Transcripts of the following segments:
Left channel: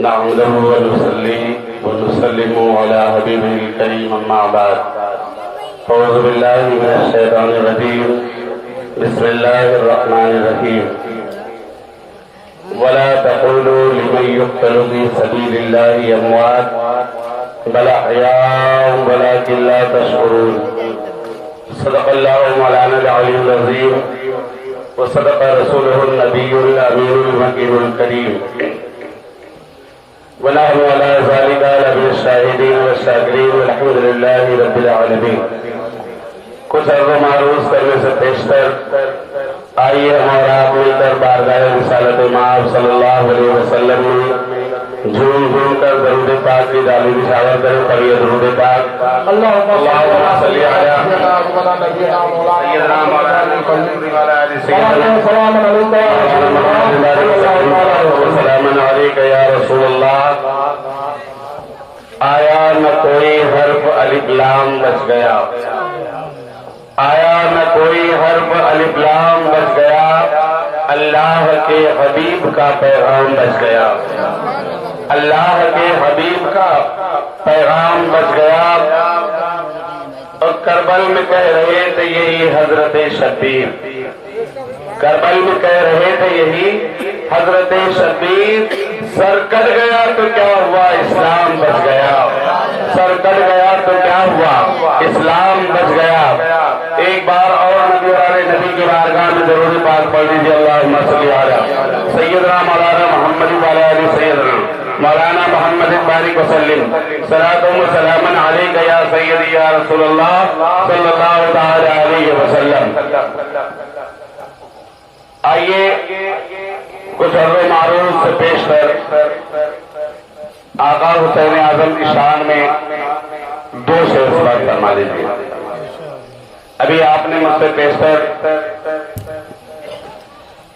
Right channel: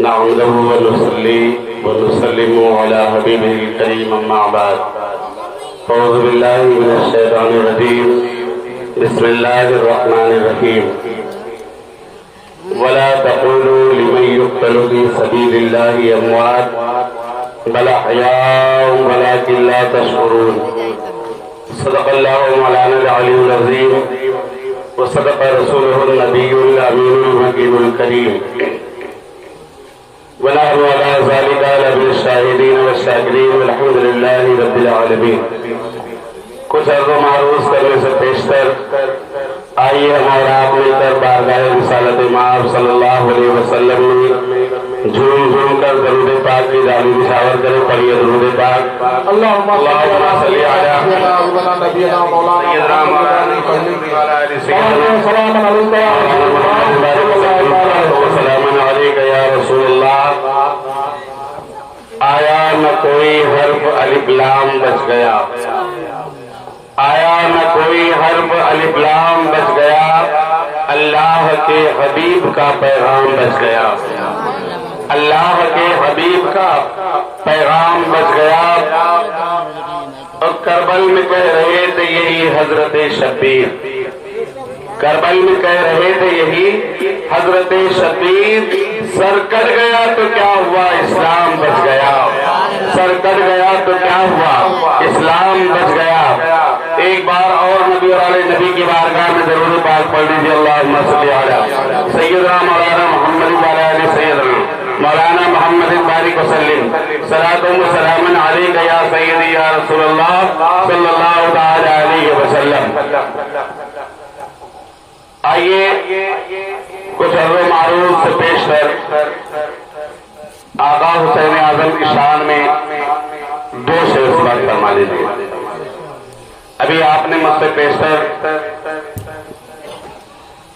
نحمده ونصلي ونسلم على حبيبه الكريم أما بعد أعوذ بالله من الشيطان الرجيم بسم الله الرحمن الرحيم ولا تقولوا لمن يقتل في سبيل الله أموات بل أحياء ولكن لا تشعرون صدق الله مولانا العلي العظيم وصدق رسوله النبي الأمين المكين الكريم ونحن على ذلك لمن الشاهدين والشاكرين والحمد لله رب العالمين. کچھ عرض و معروض کرنے سے پیشتر آئیے ہمارا آپ مل کر بارگاہ رسالت مآب صلی اللہ علیہ وسلم میں جھوم جھوم کر درود پاک کی ڈالی نشاور کریں. پڑھیے درود پاک. اللہم صلی علی سیدنا مولانا محمد وعلی آل سیدنا سلام علیک یا رسول اللہ. آیا نہ کوئی حرف الف لام بچ گیا, آیا نہ کوئی حرف الف لام بچ گیا, اللہ کے حبیب کا پیغام بچ گیا, اللہ کے حبیب کا پیغام بچ گیا. اور کربل میں کہہ رہے تھے یہی حضرت شبیر, کربل میں کہہ رہے تھے یہی حضرت شبیر. سر کٹ گیا تو کیا ہوا, اسلام بچ گیا. سر کٹ گیا تو کیا ہوا, اسلام بچ گیا. ایک بار اور نبی والے نبی کی بارگاہ میں درود پاک پڑھ لیجیے. اللہم صلی علی سیدنا مولانا محمد وعلی آل سیدنا مولانا محمد بارک وسلم صلاۃ و سلام علیک یا سیدی یا رسول اللہ صلی اللہ تعالی علیہ وسلم. آئیے کچھ عرض و معروض سے پیش کر آقا حسین اعظم کی شان میں دو شعر سماعت فرما لیجیے. ابھی آپ نے مجھ سے پیشتر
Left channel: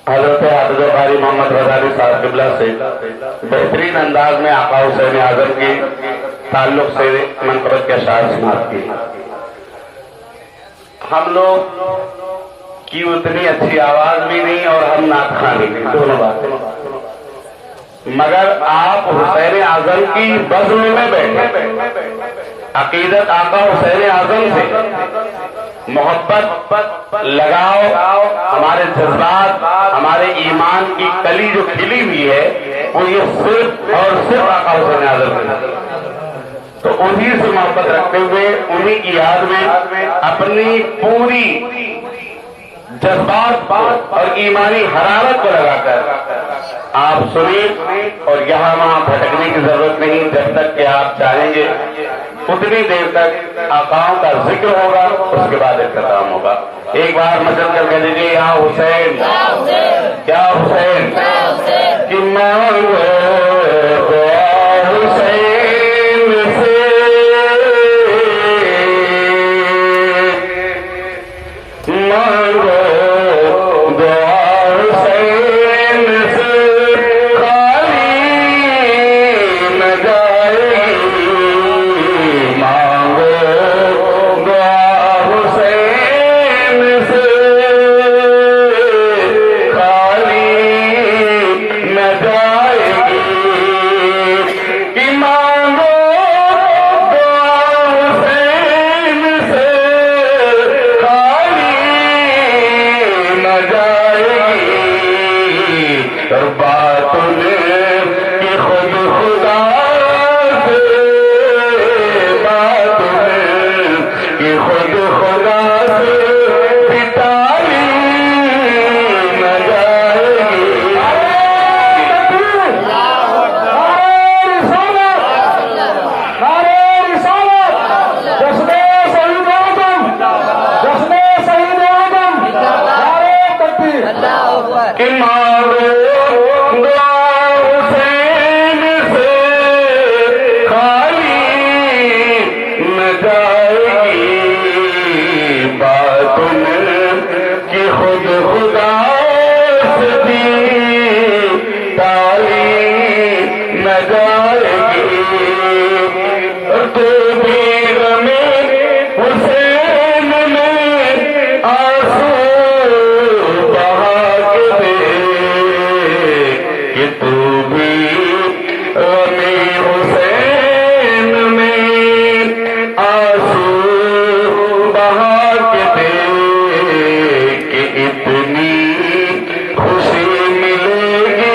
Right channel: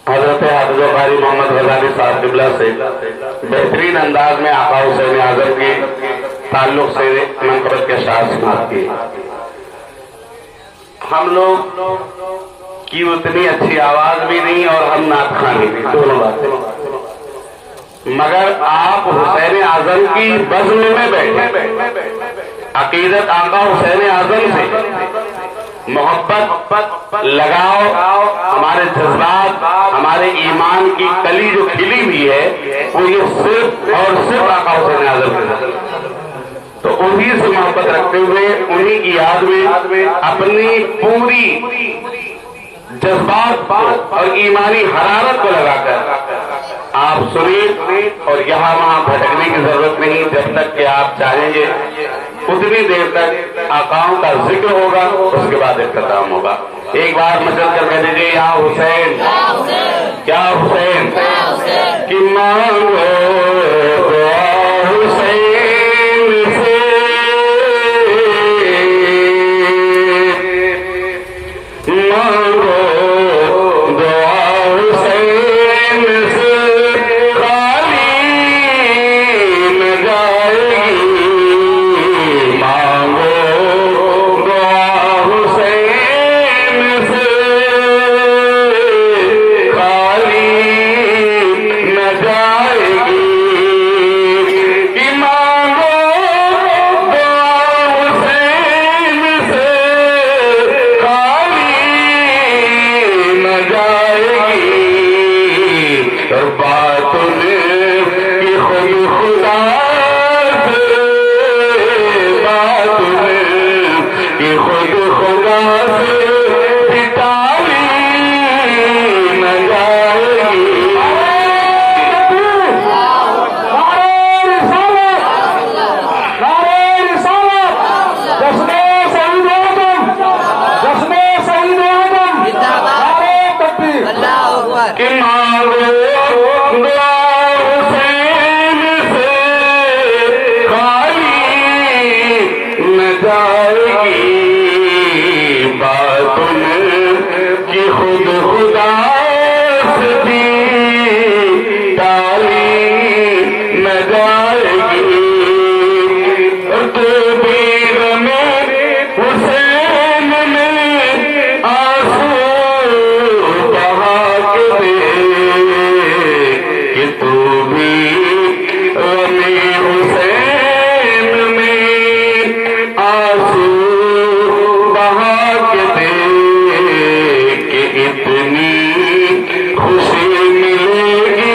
حضرت حافظ قاری محمد غزالی صاحب قبلہ سے بہترین انداز میں آقا حسین اعظم کے تعلق سے منقبت کے اشعار سماعت کیے. ہم لوگ کی اتنی اچھی آواز بھی نہیں اور ہم نعت خوان بھی نہیں, دونوں باتیں, مگر آپ حسین اعظم کی بزم میں بیٹھے, عقیدت آقا حسین اعظم سے محبت لگاؤ, ہمارے جذبات ہمارے ایمان کی کلی جو کھلی ہوئی ہے وہ یہ صرف اور صرف آقا حسین اعظم کے ساتھ. تو انہی سے محبت رکھتے ہوئے انہی کی یاد میں اپنی پوری جذبات اور ایمانی حرارت کو لگا کر آپ سنیں. اور یہاں وہاں بھٹکنے کی ضرورت نہیں, جب تک کہ آپ چاہیں گے اتنی دیر تک آقاؤں کا ذکر ہوگا, اس کے بعد اختتام ہوگا. ایک بار نظر کر کے دیجیے یا حسین, کیا حسین کہ مانگو دعا حسین سے, مانگو دعا حسین سے, خالی نہ جائے گی. مانگو دعا حسین سے, خالی نہ جائے گی. کہ مانگو دعا حسین سے, خالی نہ جائے گی. اور بات میں کہ خود خدا سے, بات میں کہ خود خدا سے بھی تعلیم نہ جائے گی. کہ مانگو دعا حسین سے, خالی نہ جائے گی. بات میں کہ خود خدا سے بھی تعلیم نہ جائے گی. تو بھی غمِ حسین میں آنسو بہا اتنی خوشی ملے گی،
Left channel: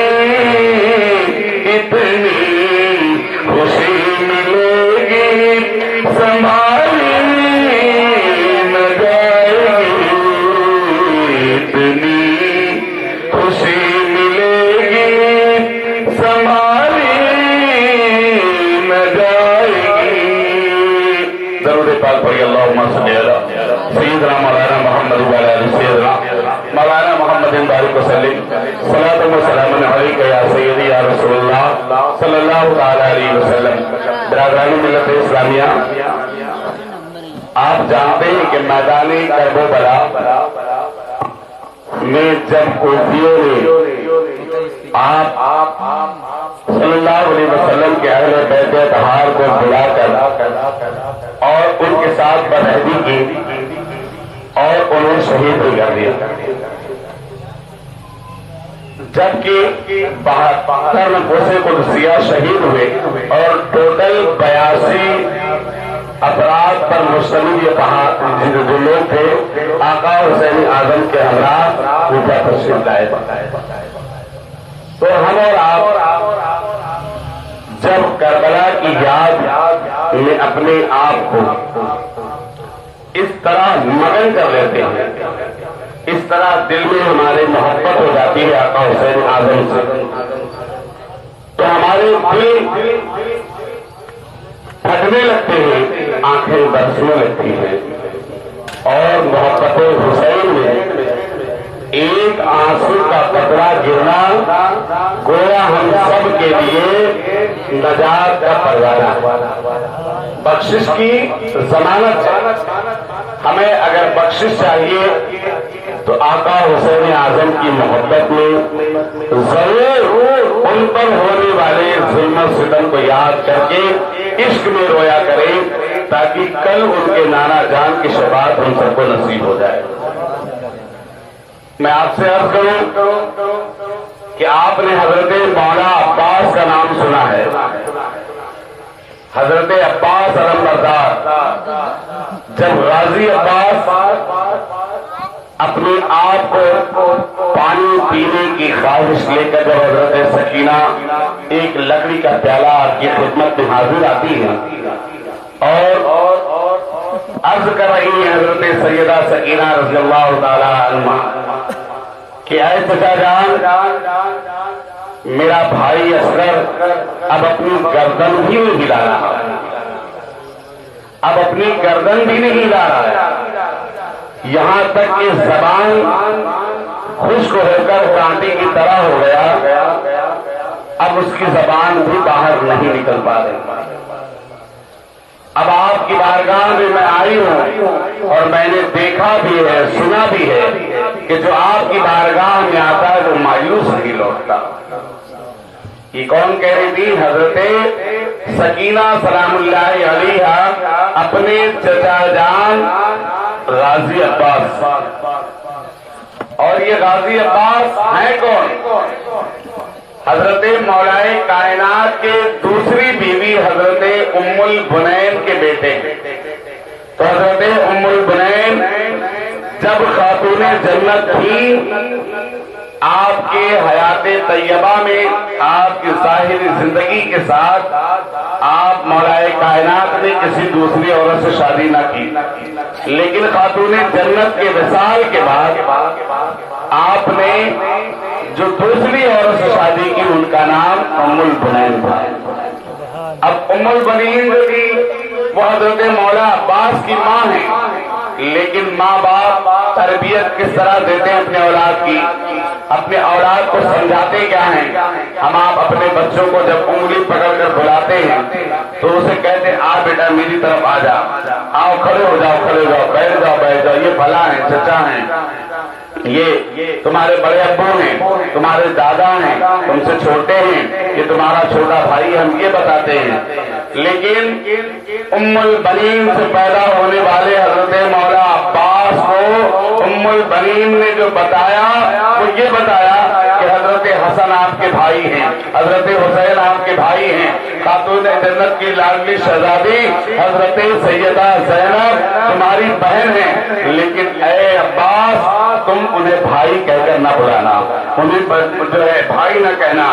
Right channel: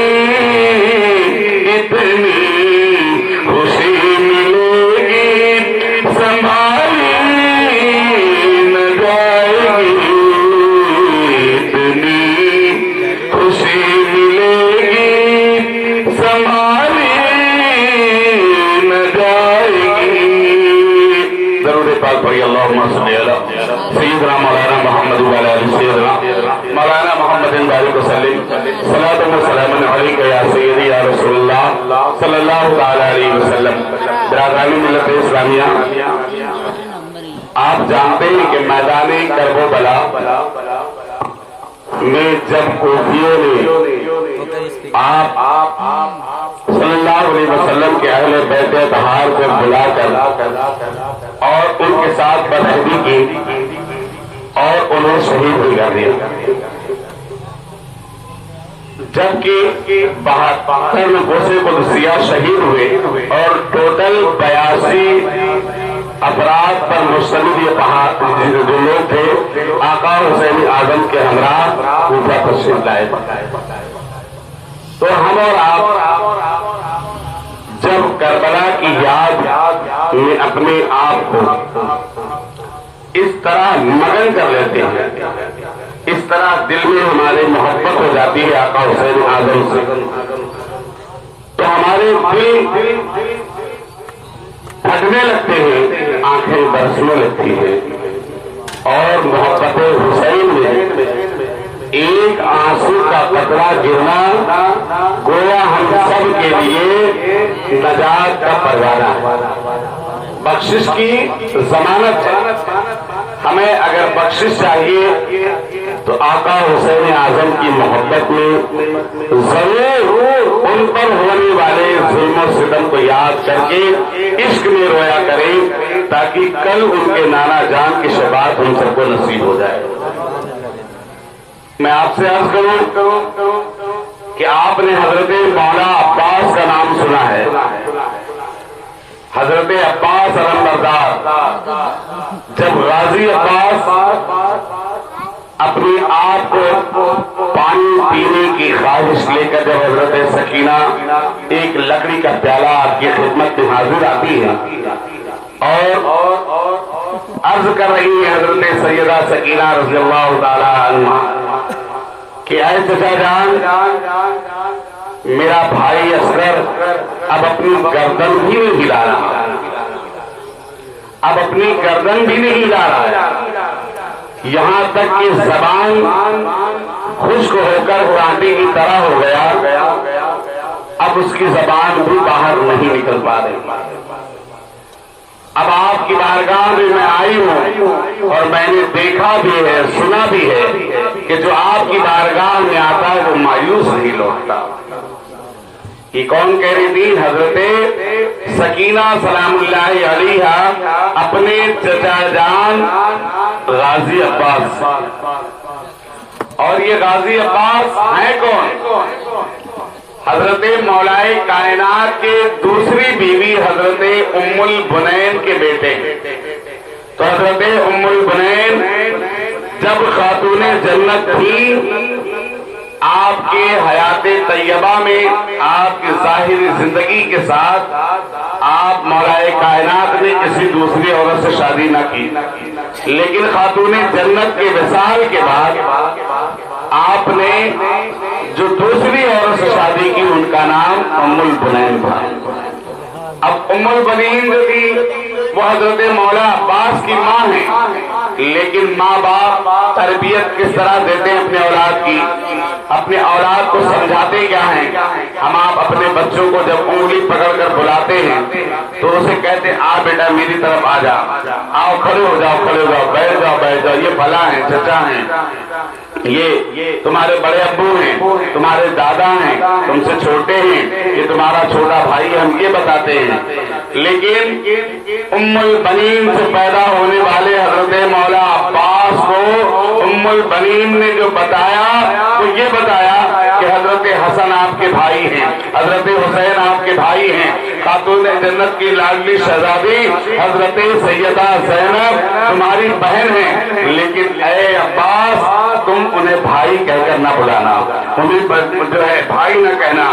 اتنی خوشی ملے گی سنبھالی نہ جائے گی، اتنی خوشی ملے گی سنبھالی نہ جائے گی۔ ضرور پاک بھائی اللہم صلی علی سیدنا مولانا محمد وعلی آل سیدنا مولانا محمد بارک وسلم صلاۃ و سلام علیک یا سیدی یا رسول اللہ صلی اللہ تعالی علیہ وسلم۔ برادران ملت اسلامیہ، آپ جانتے ہیں کہ میدان کرب و بلا میں جب کوفیوں نے آپ صلی اللہ علیہ وسلم کے اہل بیت اطہار کو بلا کر اور ان کے ساتھ بدعہدی کی اور انہیں شہید بھی کر دیا، جبکہ 72 نفوس قدسیہ شہید ہوئے اور ٹوٹل 82 افراد پر مشتمل یہ جو لوگ تھے آقا حسین اعظم کے ہمراہ اوپر تشریف لائے۔ تو ہم اور آپ جب کربلا کی یاد میں اپنے آپ کو اس طرح مگن کر لیتے ہیں، اس طرح دل میں ہمارے محبت ہو جاتی ہے آقا حسین اعظم سے، تو ہمارے دل پھٹنے لگتے ہیں، آنکھیں برسنے لگتی ہیں، اور محبت حسین میں ایک آنسو کا قطرہ گرنا گویا ہم سب کے لیے نجات کا پروانہ، بخشش کی ضمانت ہے۔ ہمیں اگر بخشش چاہیے تو آقا حسین اعظم کی محبت میں ضرور ان پر ہونے والے ظلم و ستم کو یاد کر کے عشق میں رویا کریں، تاکہ کل ان کے نانا جان کی شفاعت ہم سب کو نصیب ہو جائے۔ میں آپ سے عرض کروں کہ آپ نے حضرت مولانا عباس کا نام سنا ہے، حضرت عباس علمبردار، جب غازی عباس اپنے آپ کو پانی پینے کی خواہش لے کر جب حضرت سکینہ ایک لکڑی کا پیالہ آپ کی خدمت میں حاضر آتی ہے اور عرض کر رہی ہے حضرت سیدہ سکینہ رضی اللہ تعالی عنہ کہ اے چچا جان، میرا بھائی اصغر اب اپنی گردن بھی نہیں ہلا رہا، اب اپنی گردن بھی نہیں ہلا رہا ہے، یہاں تک کہ زبان خشک ہو کر کانٹے کی طرح ہو گیا، اب اس کی زبان بھی باہر نہیں نکل پا رہی۔ اب آپ کی بارگاہ میں میں آئی ہوں اور میں نے دیکھا بھی ہے، سنا بھی ہے کہ جو آپ کی بارگاہ میں آتا ہے وہ مایوس نہیں لوٹتا۔ یہ کون کہہ رہی تھی؟ حضرت سکینہ سلام اللہ علیہا اپنے چچا جان غازی عباس۔ اور یہ غازی عباس ہیں کون؟ حضرت مولا کائنات کے دوسری بیوی حضرت ام البنین کے بیٹے۔ تو حضرت ام البنین جب خاتون جنت تھی، آپ کے حیات طیبہ میں آپ کی ظاہری زندگی کے ساتھ آپ مولا کائنات نے کسی دوسری عورت سے شادی نہ کی، لیکن خاتون جنت کے وصال کے بعد آپ نے جو دوسری عورت سے شادی کی ان کا نام ام البنین تھا۔ اب ام البنین جو تھی وہ حضرت مولا عباس کی ماں ہے، لیکن ماں باپ تربیت کس طرح دیتے ہیں اپنے اولاد کی، اپنے اولاد کو سمجھاتے کیا ہیں؟ ہم آپ اپنے بچوں کو جب انگلی پکڑ کر بلاتے ہیں تو اسے کہتے ہیں آ بیٹا میری طرف آ جا، آؤ کھڑے ہو جاؤ، کھڑے ہو جاؤ، بیٹھ جاؤ بیٹھ جاؤ، یہ فلاں ہیں، چچا ہیں، یہ تمہارے بڑے ابو ہیں، تمہارے دادا ہیں، تم سے چھوٹے ہیں، یہ تمہارا چھوٹا بھائی ہے، ہم یہ بتاتے ہیں۔ لیکن ام البنین سے پیدا ہونے والے حضرت مولا عباس کو ام البنین نے جو بتایا تو یہ بتایا کہ حضرت حسن آپ کے بھائی ہیں، حضرت حسین آپ کے بھائی ہیں، خاتون جنت کی لاڈلی شہزادی حضرت سیدہ زینب تمہاری بہن ہے، لیکن اے عباس اب تم انہیں بھائی کہہ کر نہ بلانا، انہیں جو ہے بھائی نہ کہنا۔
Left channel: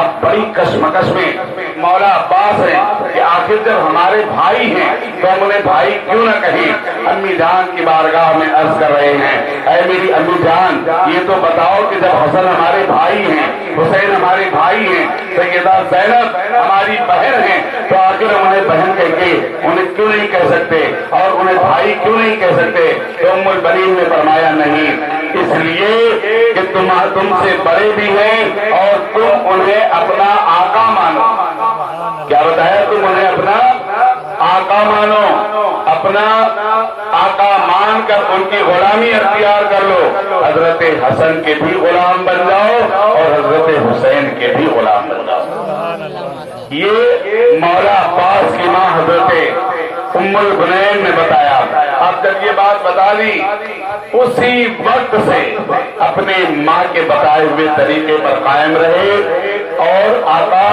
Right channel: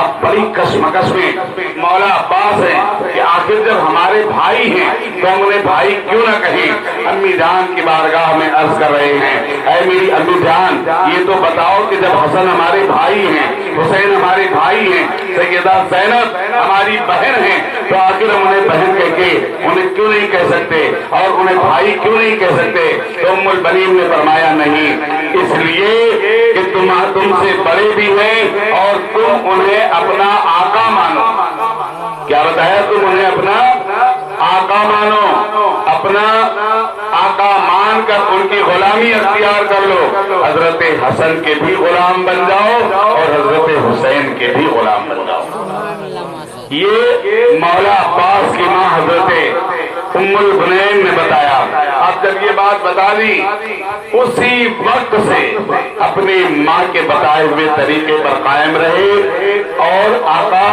اب بڑی کشمکش میں مولا عباس ہیں کہ آخر جب ہمارے بھائی ہیں تو ہم انہیں بھائی کیوں نہ کہیں۔ امی جان کی بارگاہ میں عرض کر رہے ہیں، اے میری امی جان یہ تو بتاؤ کہ جب حسن ہمارے بھائی ہیں، حسین ہمارے بھائی ہیں، سیدہ زینب ہماری بہن ہیں، تو آخر ہم انہیں بہن کہہ کے انہیں کیوں نہیں کہہ سکتے اور انہیں بھائی کیوں نہیں کہہ سکتے؟ تو ام البنین نے فرمایا نہیں، اس لیے کہ تم سے بڑے بھی ہیں اور تم انہیں اپنا آقا مانو۔ کیا بتایا؟ تم انہیں اپنا آقا مانو، اپنا آقا مان کر ان کی غلامی اختیار کر لو۔ حضرت حسن کے بھی غلام بن جاؤ اور حضرت حسین کے بھی غلام بن جاؤ۔ یہ مولا عباس کی ماں حضرت ام البنین نے بتایا۔ اب جب یہ بات بتا دی، اسی وقت سے اپنی ماں کے بتائے ہوئے طریقے پر قائم رہے اور آقا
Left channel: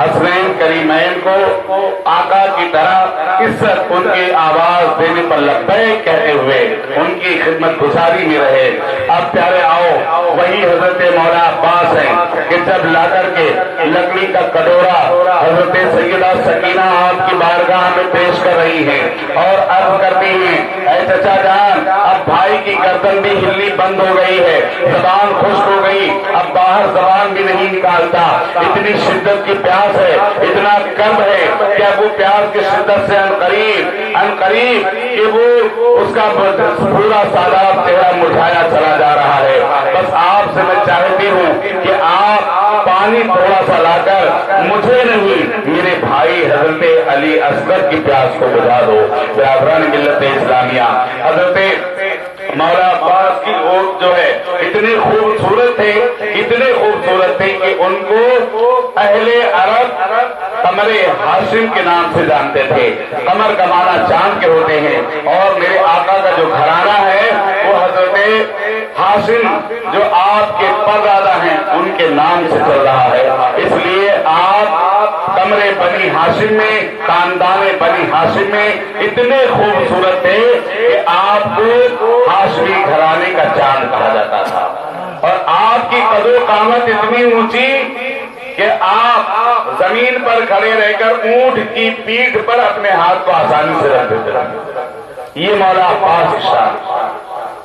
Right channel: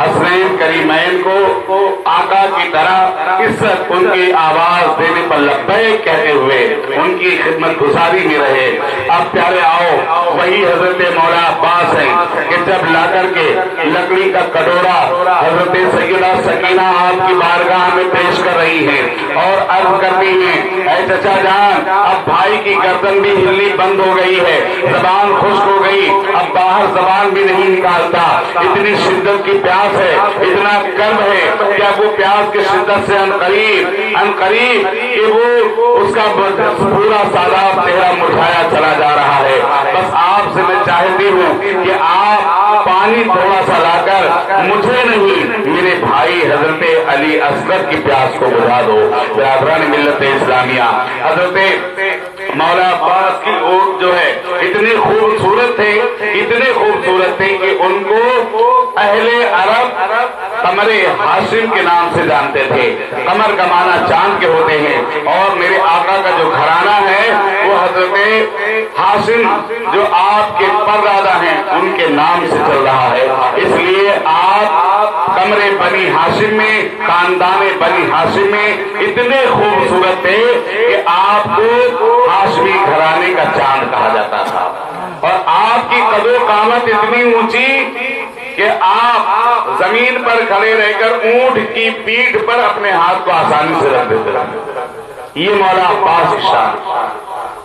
حسنین کریمین کو آقا کی طرح عزت ان کی آواز دینے پر لبیک کہتے ہوئے ان کی خدمت گزاری میں رہے۔ اب پیارے آؤ، وہی حضرت مولا عباس ہیں کہ جب لا کر کے لکڑی کا کٹورا حضرت سیدہ سکینہ آپ کی بارگاہ میں پیش کر رہی ہیں اور عرض کرتی ہیں، اے چچا جان اب بھائی کی گردن بھی ہلنی بند ہو گئی ہے، زبان خشک ہو گئی، اب باہر زبان بھی نہیں نکالتا، اتنی شدت کی پیاس ہے، اتنا کرب ہے کہ اب وہ پیاس کی شدت سے عنقریب کہ وہ اس کا پورا ساداب چہرہ مرجھایا چلا جا رہا ہے۔ بس آپ سے میں چاہتی ہوں کہ آپ پانی تھوڑا سا لا کر مجھے نہیں میرے بھائی حضرت علی اصغر کی پیاس کو بجھا دو۔ برادران ملت اسلامیہ، حضرت مولا عباس کی اوٹ جو ہے اتنے خوبصورت تھے کہ ان کو اہل عرب قمر ہاشم کے نام سے جانتے تھے۔ قمر کا معنی چاند کے ہوتے ہیں اور میرے آقا کا جو گھرانہ ہے وہ حضرت ہاشم جو آپ کے پردادا ہیں ان کے نام سے چل رہا ہے، اس لیے آپ قمر بنی ہاشم میں، خاندان بنی ہاشم میں اتنے خوبصورت تھے کہ آپ کو ہاشمی گھرانے کا چاند کہا جاتا تھا، اور آپ کی قد و قامت اتنی اونچی کہ آپ زمین پر کھڑے رہ کر اونٹ کی پیٹھ پر اپنے ہاتھ کو آسانی سے رکھ دیتے تھے۔ یہ مولا عباس کی شان،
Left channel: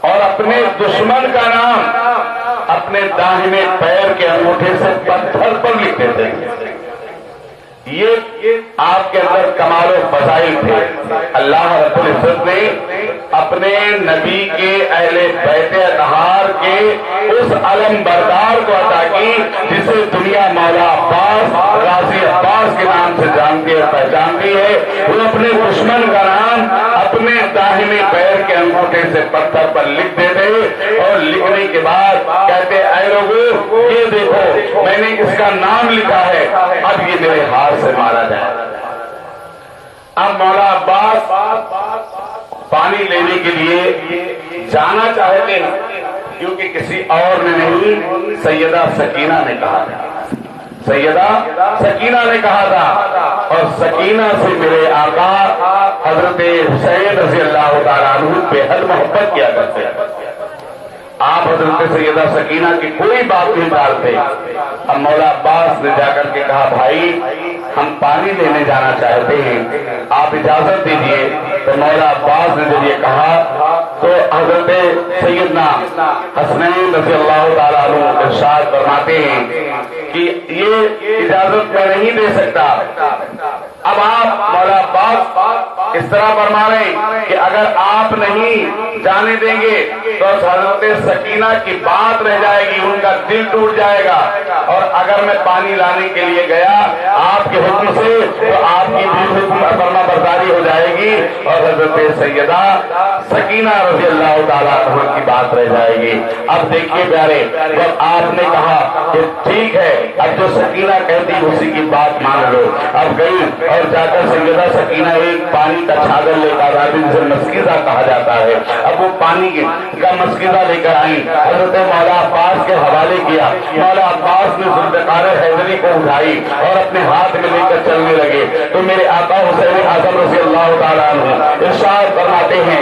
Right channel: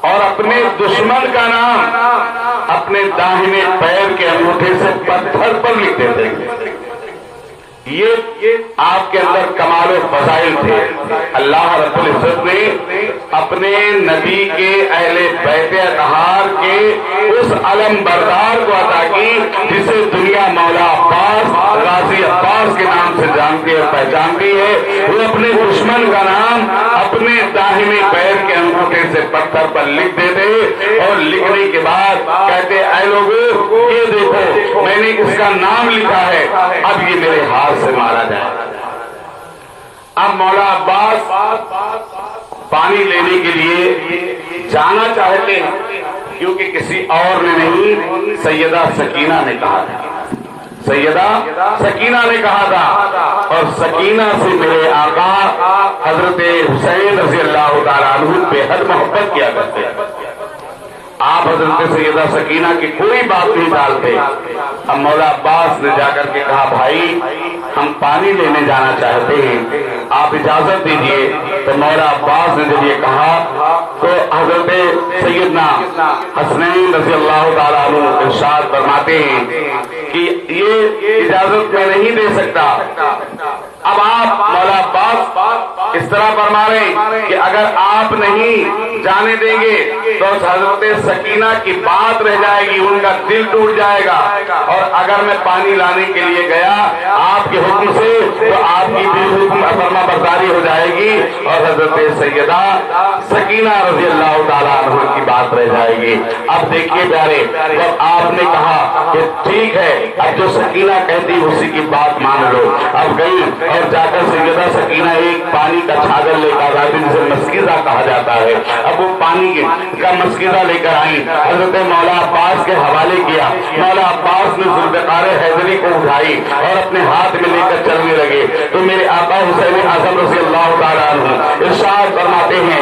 اور اپنے دشمن کا نام اپنے داہنے پیر کے انگوٹھے سے پتھر پر لکھ دیتے تھے۔ یہ آپ کے اندر کمال و فضائل تھے۔ اللہ رب العزت نے اپنے نبی کے اہل بیت اطہار کے اس علم بردار کو عطا کی جسے دنیا مولا عباس، غازی عباس کے نام سے جانتی اور پہچانتی ہے۔ وہ اپنے دشمن کا نام اپنے داہنے پیر کے انگوٹھے سے پتھر پر لکھ دیتے اور لکھنے کے بعد کہتے، اے لوگوں یہ دیکھو میں نے اس کا نام لکھا ہے، اب یہ میرے ہاتھ سے مارا جائے۔ اب مولا عباس پانی لینے کے لیے جانا چاہتے ہیں کیونکہ کسی اور نے نہیں، سیدہ سکینہ نے کہا تھا، سیدہ سکینہ نے کہا تھا، اور سکینہ سے میرے آقا حضرت حسین رضی اللہ تعالیٰ عنہ بے حد محبت کیا کرتے ہیں۔ آپ حضرت سیدہ سکینہ کی کوئی بات نہیں ڈالتے۔ اب مولا عباس نے جا کر کے کہا، بھائی ہم پانی لینے جانا چاہتے ہیں، آپ اجازت دیجیے۔ تو مولا عباس نے جب یہ کہا تو حضرت سیدنا حسنین رضی اللہ تعالیٰ عنہ ارشاد فرماتے ہیں کہ یہ اجازت میں نہیں دے سکتا۔ اب آپ مولا عباس اس طرح فرما رہے ہیں کہ اگر آپ نہیں جانے دیں گے تو حضرت سکینہ کی بات رہ جائے گی، ان کا دل ٹوٹ جائے گا، اور اگر میں پانی لانے کے لیے گیا آپ کے حکم سے تو آپ کی بھی فرما برداری ہو جائے گی اور حضرت سیدہ سکینہ رضی اللہ تعالیٰ عنہ کی بات رہ جائے گی۔ اب دیکھیے پیارے، جب آپ نے کہا کہ ٹھیک ہے اب جو سکینہ کہتی اسی کی بات مان لو، اب گئی اور جا کر سیدہ سکینہ ایک پانی کا چھاگل لے کر آتی جسے مسکیزہ کہا جاتا ہے، اب وہ پانی کا مسکیزہ لے کر آئی، حضرت مولا عباس کے حوالے کیا۔ مولا عباس نے ذوالفقار حیدری کو اٹھائی اور اپنے ہاتھ میں لے کر چلنے لگے تو میرے آقا حسین اعظم رضی اللہ تعالیٰ عنہ ارشاد فرماتے ہیں،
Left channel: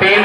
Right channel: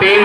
3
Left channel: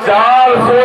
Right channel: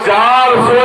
400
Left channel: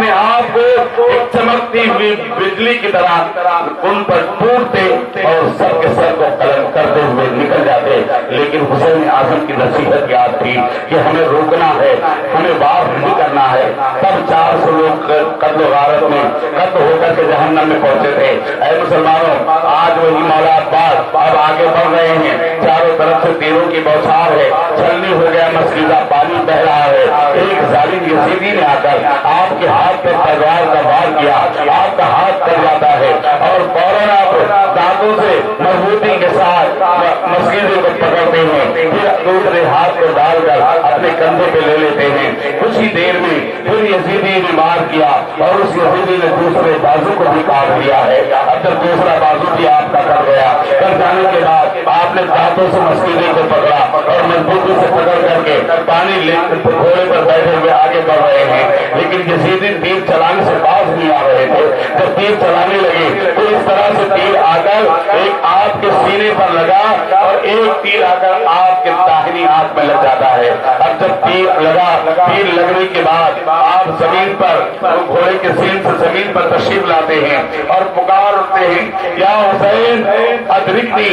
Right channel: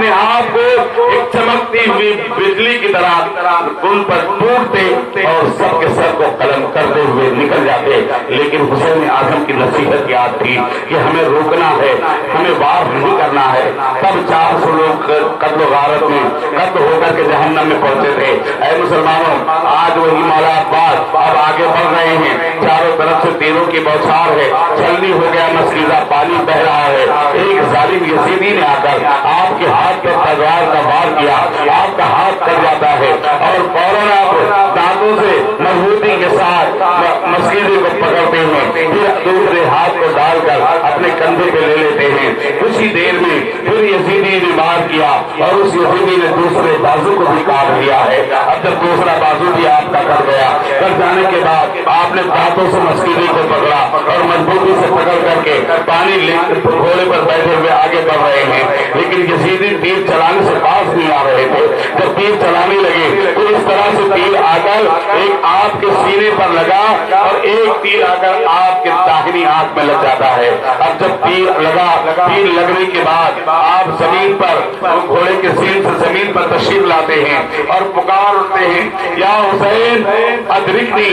اپنے آپ کو ایک چمکتی ہوئی بجلی کی طرح ان پر ٹوٹتے اور سب کے سر کو قلم کرتے ہوئے نکل جاتے. لیکن حسین اعظم کی نصیحت یاد تھی کہ ہمیں روکنا ہے, ہمیں وار نہیں کرنا ہے. تب 400 لوگ قتل و غارت میں قتل ہو کر کے جہنم میں پہنچے تھے. اے مسلمانوں, آج وہی مولا عباس اب آگے بڑھ رہے ہیں. چاروں طرف سے تیروں کی بوچھار ہے, چھلنی ہو گیا مسجدہ, پانی بہ رہا ہے. ایک ظالم یزیدی نے آ کر آپ کے ہاتھ پر تلوار کا وار کیا, آپ کا ہاتھ کٹ جاتا ہے اور فوراً آپ دانتوں سے مضبوطی کے ساتھ مسجدے کو پکڑتے ہیں, پھر دوسرے ہاتھ کو ڈال کر اپنے کندھے پہ لے لیتے ہیں. اسی دیر میں پھر یزیدی نے مار کیا اور اس یزیدی نے دوسرے بازو کو بھی کاٹ دیا ہے. اب جب دوسرا بازو بھی آپ کا کٹ گیا, کٹ جانے کے بعد آپ نے دانتوں سے مسجدے کو پکڑا اور مضبوطی سے پکڑ کر کے پانی گھوڑے پر بیٹھے ہوئے آگے بڑھ رہے ہیں. لیکن یزیدی تیر چلانے سے باز نہیں آ رہے تھے. جب تیر چلانے لگے تو اس طرح سے تیر آ کر ایک آپ کے سینے پر لگا اور ایک تیر آ کر آپ کے داہنی آنکھ میں لگ جاتا ہے. اب جب تیر لگا, تیر لگنے کے بعد آپ زمین پر گھوڑے کے سین سے زمین پر تشریف لاتے ہیں اور پکار اٹھتے ہیں, یا حسین ادرکنی.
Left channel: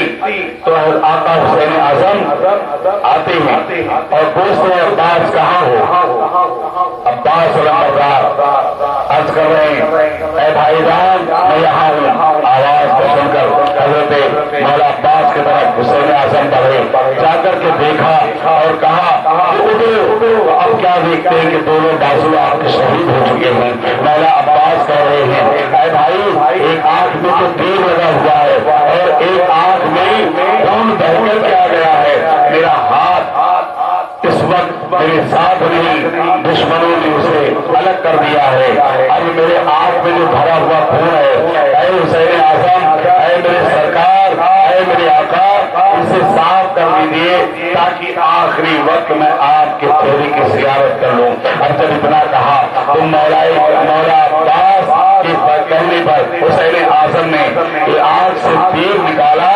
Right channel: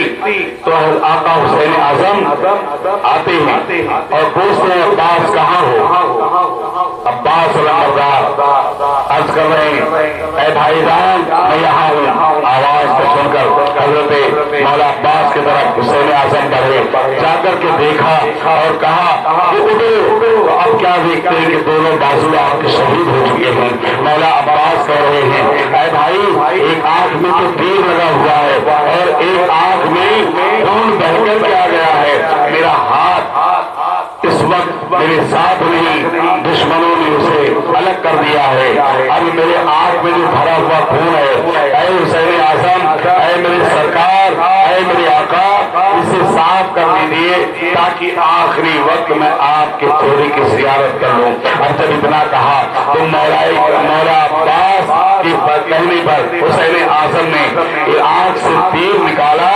تو آقا حسین اعظم آتے ہیں اور پوچھتے ہیں عباس کہاں ہو؟ عباس علمبردار عرض کر رہے ہیں اے بھائی جان میں یہاں ہوں. آواز کو سن کر حضرت مولا عباس کی طرف حسین اعظم بڑھے, جا کر کے دیکھا اور کہا کہ اب کیا دیکھتے ہیں کہ دونوں بازو آپ کے شہید ہو چکے ہیں. مولا عباس کہہ رہے ہیں اے بھائی ایک آنکھ میں تو تیر لگا ہوا ہے اور ایک آنکھ میں خون بہ کر کے آ گیا ہے. میرا ہاتھ اس وقت میرے ساتھ نہیں, دشمنوں نے اسے الگ کر دیا ہے. اب میرے آنکھ میں جو بھرا ہوا خون ہے, اے حسین اعظم, اے میرے سرکار, اے میرے آقا, اسے صاف کر دیجیے تاکہ آخری وقت میں آپ کے چہرے کی زیارت کر لوں. اب جب اتنا کہا تو مولا عباس کے کہنے پر حسین اعظم نے آنکھ سے تیر نکالا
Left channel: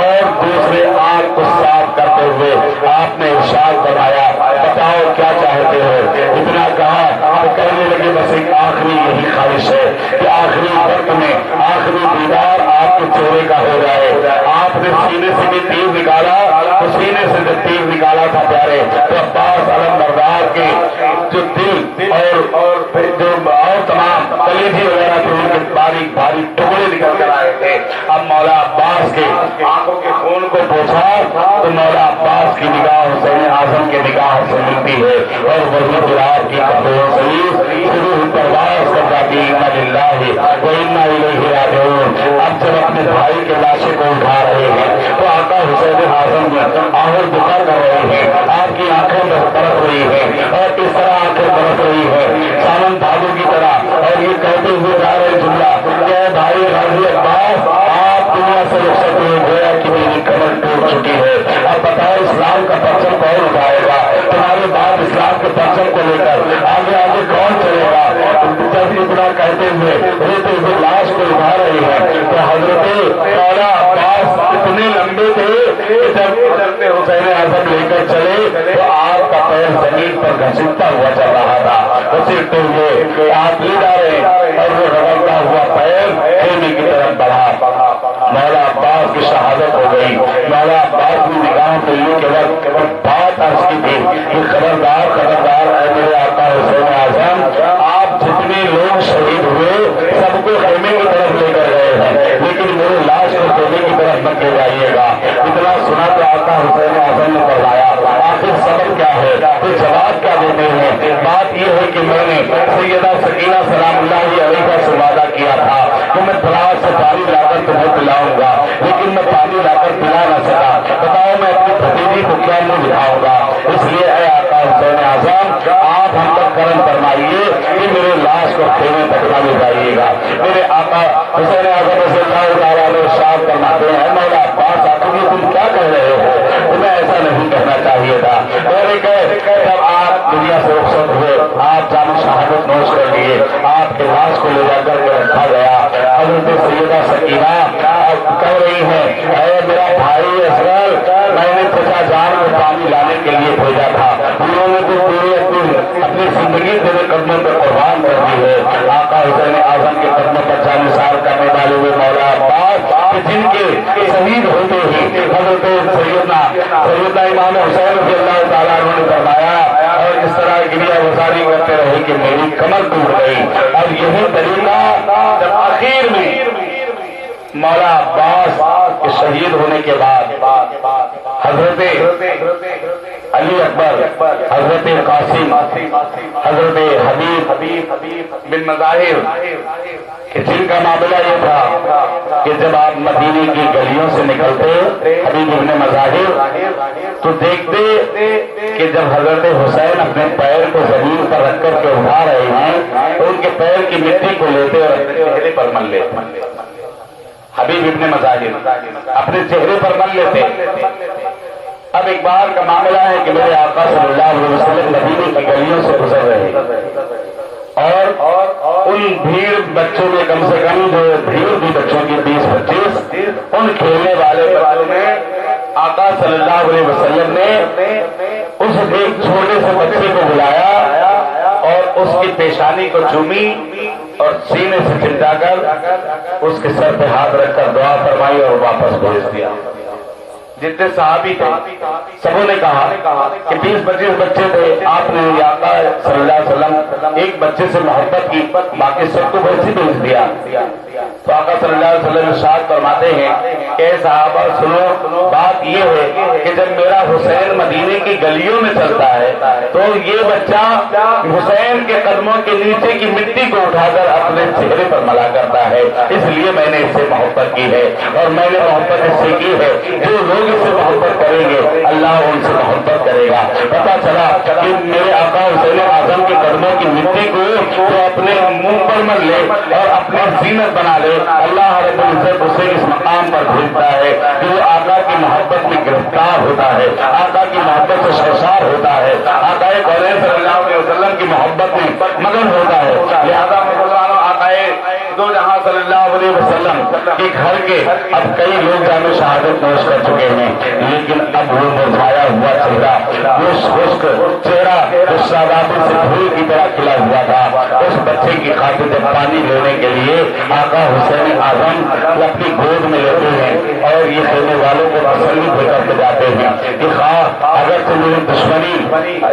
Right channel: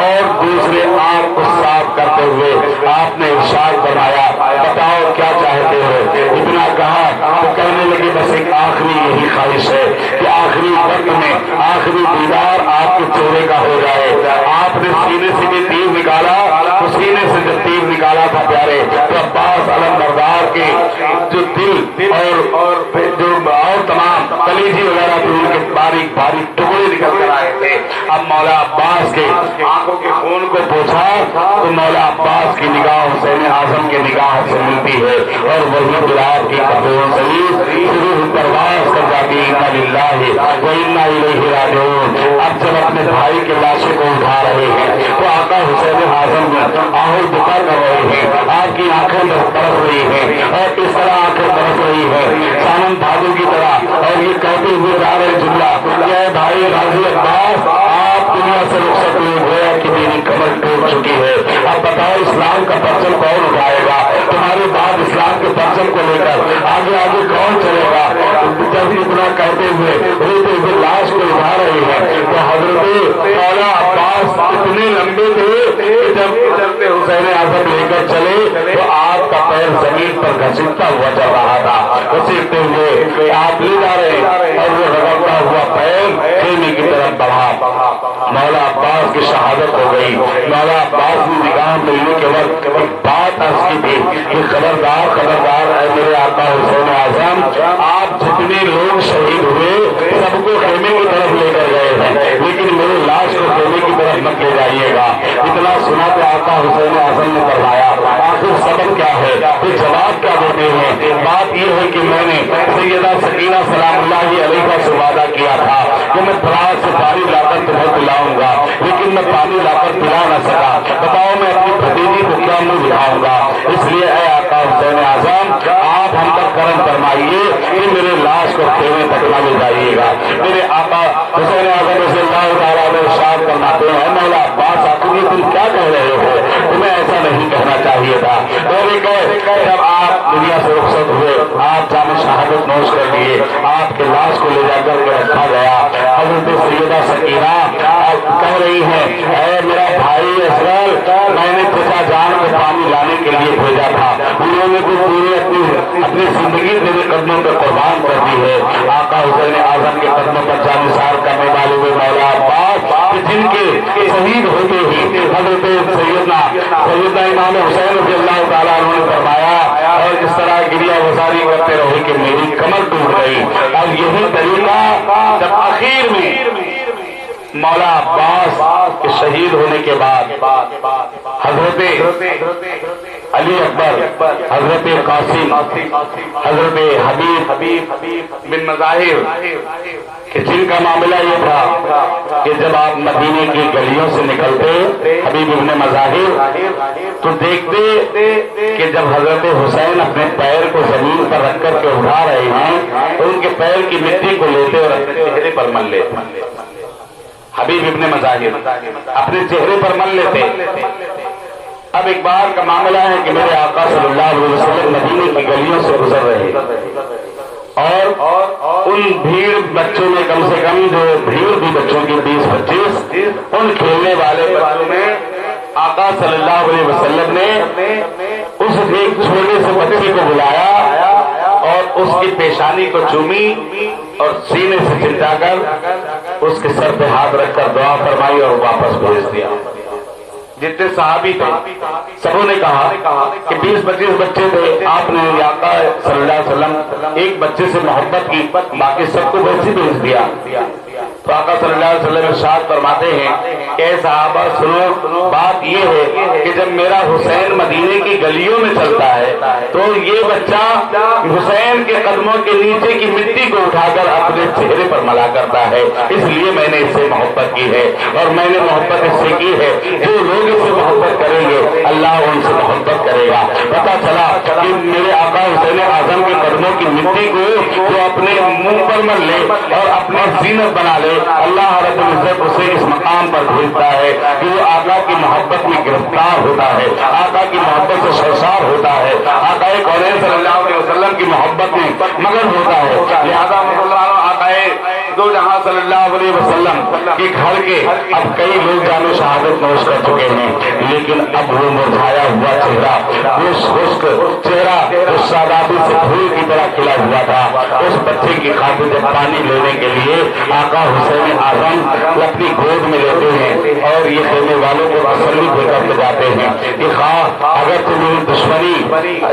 اور دوسرے آنکھ کو صاف کرتے ہوئے آپ نے ارشاد فرمایا بتاؤ کیا چاہتے ہو؟ اتنا کہا تو کہنے لگے بس ایک آخری یہی خواہش ہے کہ آخری وقت میں آخری دیدار آپ کے چہرے کا ہو جائے. آپ نے سینے سے بھی تیر نکالا, تو سینے سے جو تیر نکالا تھا پیارے, تو عباس علمبردار کے جو دل اور تمام کلیجے وغیرہ تھے ان کے باریک باریک ٹکڑے نکل کر آئے تھے. اب مولا عباس کے آنکھوں کے خون کو پوچھا تو مولا عباس کی نگاہ حسین اعظم کے نگاہ سے ملتی ہے اور وہی بلاد کی قبول سلیف پرواز کر جاتی ہے. انا للہ و انا الیہ راجعون. اب جب اپنے بھائی کے لاشے کو اٹھا رہے ہیں تو آقا حسین اعظم آہر دکھا کر رہے ہیں, آپ کی آنکھیں برف رہی ہیں اور اس طرح آنکھیں برف رہی ہے سامن بھادو کی طرح, اور یہ کہتے ہوئے جا رہے جملہ کہ بھائی غازی عباس آپ دنیا سے رخصت ہوئے, گویا کہ میری کمر ٹوٹ چکی ہے. اب بتاؤ اسلام کا پرچم کون اٹھائے گا؟ تمہارے بعد اسلام کے پرچم کو لے کر آگے آگے کون چلے گا؟ جب اتنا کہتے ہوئے روتے ہوئے لاش کو اٹھا رہی ہے تو حضرت مولا عباس اتنے لمبے تھے کہ جب حسین اعظم لے کر چلے تو آپ کا پیر زمین پر گھسیٹتا ہوا چل رہا تھا. گھسیٹتے ہوئے آپ لے جا رہے اور وہ رگڑتا ہوا پیر خیمے کی طرف بڑھا. مولا عباس کی شہادت ہو گئی. مولا عباس کی نگاہ ملنے کے وقت بات عرض کی تھی کہ خبردار خبردار اے میرے آقا حسین اعظم, آپ جتنے لوگ شہید ہوئے سب کو خیمے کی طرف لے کر گئے ہیں, لیکن میرے لاش کو خیمے کی طرف مت لے جائیے گا. اتنا سنا تو آقا حسین اعظم نے فرمایا آخر سبب کیا ہے, پھر جواب کیا دیتے ہیں؟ بات یہ ہے کہ میں نے سیدہ سکینہ سلام اللہ علیہ کا سے وعدہ کیا تھا کہ میں فراز سے پانی لا کر تمہیں پلاؤں گا, لیکن میں پانی لا کر پلا نہ سکا. بتاؤ میں اپنی بھتیجی کو کیا منہ دکھاؤں گا؟ اس لیے اے آقا حسین اعظم آپ ہم تک کرم فرمائیے کہ میرے لاش کو خیمے تک نہ لے جائیے گا. میرے آقا حسین اعظم سے ارشاد فرماتے ہیں مولا عباس آخر یہ تم کیا کہہ رہے ہو, تمہیں ایسا نہیں کہنا چاہیے تھا. جب آپ دنیا سے رخصت ہوئے آپ جامع شہادت نوش کر لیے, آپ کے لاش کو لے جا کر کے رکھا گیا. حضرت سیدہ سکینہ کہہ رہی ہیں اے میرا بھائی اصغر, میں نے چچا جان کو پانی لانے کے لیے بھیجا تھا, انہوں نے تو پورے اپنی زندگی میرے قدموں پہ قربان کر دی ہے, شہید ہوتے ہی حضرت سیدنا امام حسین رضی اللہ تعالیٰ عنہ نے فرمایا اور اس طرح گریا گزاری کرتے رہے کہ میری کمر ٹوٹ گئی. اور یہی طریقہ جب آخر میں مولا عباس کے شہید ہونے کے بعد حضرت علی اکبر، حضرت قاسم، حضرت حبیب بن مظاہر کہ جن کا معاملہ یہ تھا کہ جب آپ مدینے کی گلیوں سے نکلتے حبیب ابن مظاہر تو دیکھتے کہ جب حضرت حسین اپنے پیر کو زمین پر رکھ کر کے اٹھا رہے ہیں تو ان کے پیر کی مٹی کو لیتے اور اپنے چہرے پر مل لیتے. حبیب ابن مظاہر اپنے چہرے پر مل لیتے. اب ایک بار کا معاملہ ہے کہ میرے آقا صلی اللہ علیہ وسلم مدینے کی گلیوں سے گزر رہے اور ان بھیڑ بچوں میں کم سے کم جو بھیڑ بھی بچوں کی 20-25 ان کھیلنے والے بچوں نے آقا صلی اللہ علیہ وسلم نے اس ایک چھوٹے سے بچے کو بلایا اور اس کی پیشانی کو چومی اور سینے سے چمٹا کر اس کے سر پہ ہاتھ رکھ کر دعا فرمائی اور واپس بھیج دیا. جتنے صحابی تھے سبوں نے کہا کہ 20-25 بچے تھے. آپ نے آقا صلی اللہ علیہ وسلم ایک بچے سے محبت کی، باقی سب کو ویسے بھیج دیا. تو آقا صلی اللہ علیہ وسلم ارشاد فرماتے ہیں کہ صحابہ سنو، بات یہ ہے کہ جب میرا حسین مدینے کی گلیوں میں چلتا ہے تو یہ بچہ حسین کے قدموں کے نیچے کی مٹی کو اٹھا کر اپنے چہرے پر ملا کرتا ہے. اس لیے میں نے اس سے محبت کی ہے اور میں نے محبت اس سے کی ہے. جو لوگ اس سے محبت کریں گے اللہ ان سے محبت کرے گا. پتا چلا کہ میرے آقا حسین اعظم کے قدموں کی مٹی کو جو اپنے منہ پر مل لے اور اپنی زینت بنا لے، اللہ رب العزت اسے اس مقام پر بھیجتا ہے کہ وہ آقا کی محبت میں گرفتار ہوتا ہے، آقا کی محبت سے سرشار ہوتا ہے، آقا کونین صلی اللہ علیہ وسلم کی محبت میں مگن ہوتا ہے. لہذا آقا دو جہاں صلی اللہ علیہ وسلم کے گھر کے اب کئی لوگ جان شہادت نوش کر چکے ہیں، لیکن اب وہ مرجھایا ہوا چہرہ، وہ خشک چہرہ جو شادابی سے پھول کی طرح کھلا ہوا تھا، اس بچے کی خاطر جب پانی لینے کے لیے آقا حسین اعظم وہ اپنی گود میں لیتے ہیں اور یہ خیمے والوں کو تسلی دے کر کے جاتے ہیں کہ خواہ اگر تو میری دشمنی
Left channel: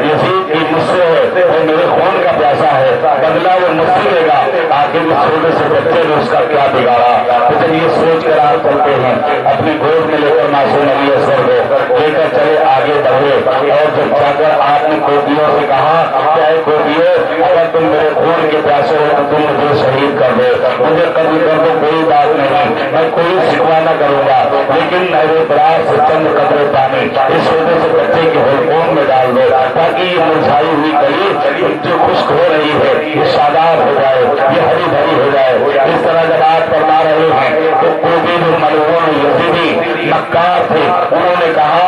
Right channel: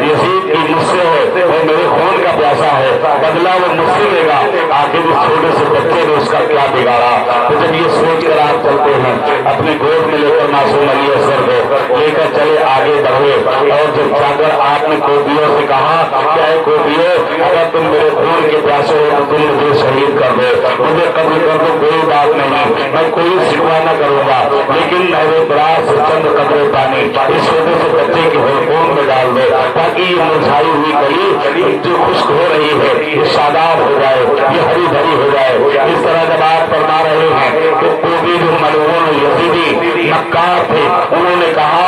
یزید کی مجھ سے ہے اور میرے خون کا پیاسا ہے، بدلہ وہ مجھ سے لے گا. آخر اس چھوٹے سے بچے نے اس کا کیا بگاڑا. تو جب یہ سوچ کر آپ چلتے ہیں اپنے گود میں لے کر معصوم علی اصغر کو لے کر چلے آگے بڑھے اور جب جا کر آپ نے کوبیوں سے کہا کہ اے کوبیوں اگر تم میرے خون کے پیاسے ہو تو تم مجھے شہید کر دو، مجھے قبول کر دو، کوئی بات نہیں، میں کوئی شکوہ نہ کروں گا، لیکن میرے دراز سے چند قطرے پانی اس چھوٹے سے بچے کے خون میں ڈال دو تاکہ یہ مرجھائی ہوئی کلی جو خشک ہو رہی ہے یہ شاداب ہو جائے، یہ ہری بھری ہو جائے. اس طرح جب آپ فرما رہے ہیں تو کوئی جو ملعون یزیدی مکار تھے انہوں نے کہا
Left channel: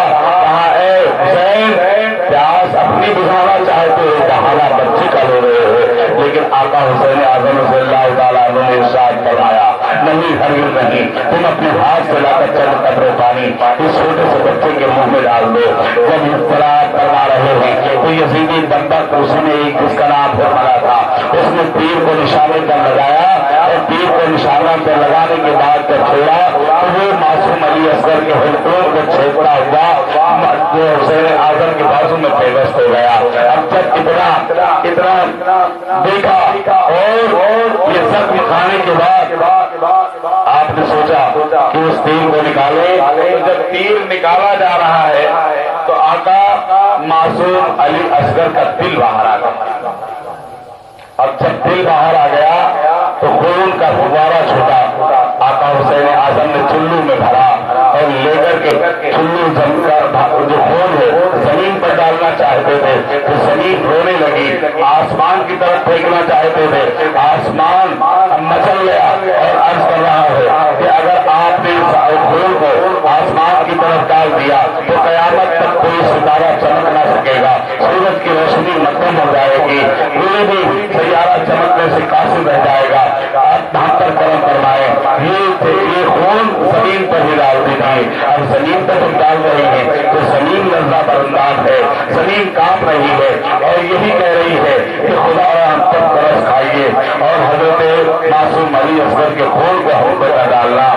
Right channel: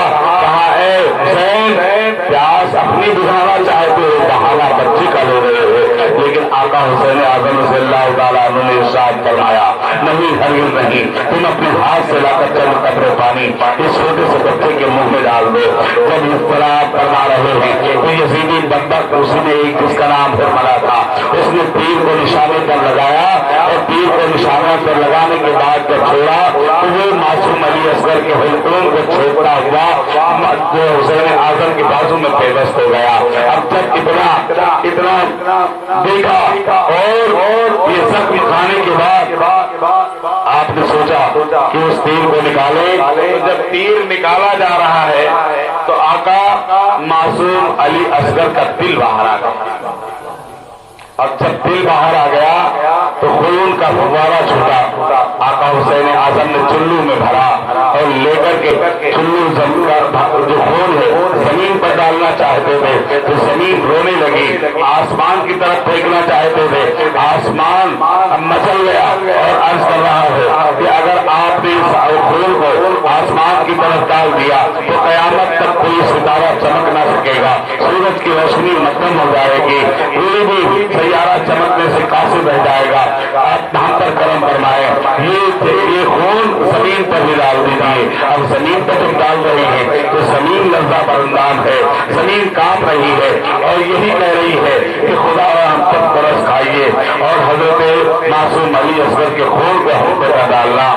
اے حسین پیاس اپنی بجھانا چاہتے ہو، بہانا بچی کا لے رہے ہو. لیکن آقا حسین اعظم رضی اللہ تعالیٰ عنہ نے ارشاد فرمایا نہیں، ہرگز نہیں، تم اپنے ہاتھ سے لا کر چند قطرے پانی اس چھوٹے سے بچے کے منہ میں ڈال دو. جب اصطلاح فرما رہے ہیں تو یزیدی بدبخت اس نے ایک جس کا نام فرمایا تھا اس نے تیر کو نشانے پر لگایا اور تیر کو نشانہ پر لگانے کے بعد جب چھوڑا تو وہ معصوم علی اصغر کے حلقوں کو چھوڑتا ہوا جو حسین اعظم کے بازو میں پیوست ہو گیا. اب جب اتنا دیکھا اور یہ سب کھانے کے بعد آپ نے سوچا کہ اس تیر کو نکالے. جب تیر نکالا جا رہا ہے تو آقا معصوم علی اصغر کا دل باہر آ گیا اور جب دل باہر آ گیا تو خون کا فوارہ چھوٹا. آقا حسین اعظم نے چلو میں بھرا اور لے کر کے چلو جو خون ہے زمین پر ڈالنا چاہتے تھے تو زمین رونے لگی. آسمان کی طرف پھینکنا چاہتے تھے، آسمان مچل گیا اور عرض کر رہا ہے کہ اگر آپ نے اس خون کو آسمان کی طرف ڈال دیا تو قیامت تک کوئی ستارہ چمک نہ سکے گا، سورج کی روشنی مدھم ہو جائے گی، کوئی بھی سیارہ چمکنے سے قاصر رہ جائے گا. آپ بہتر کرم فرمائے یہ خون زمین پر بھی ڈال دیجیے. اب زمین پر جب ڈال رہی ہے تو زمین لرزہ برندان ہے، زمین کانپ رہی ہے اور یہی کہہ رہی ہے کہ خدا ہم تک برس کھائیے اور حضرت معصوم علی اصغر کے خون کو ہم پہ ڈالنا.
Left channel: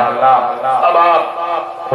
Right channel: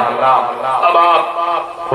اب آپ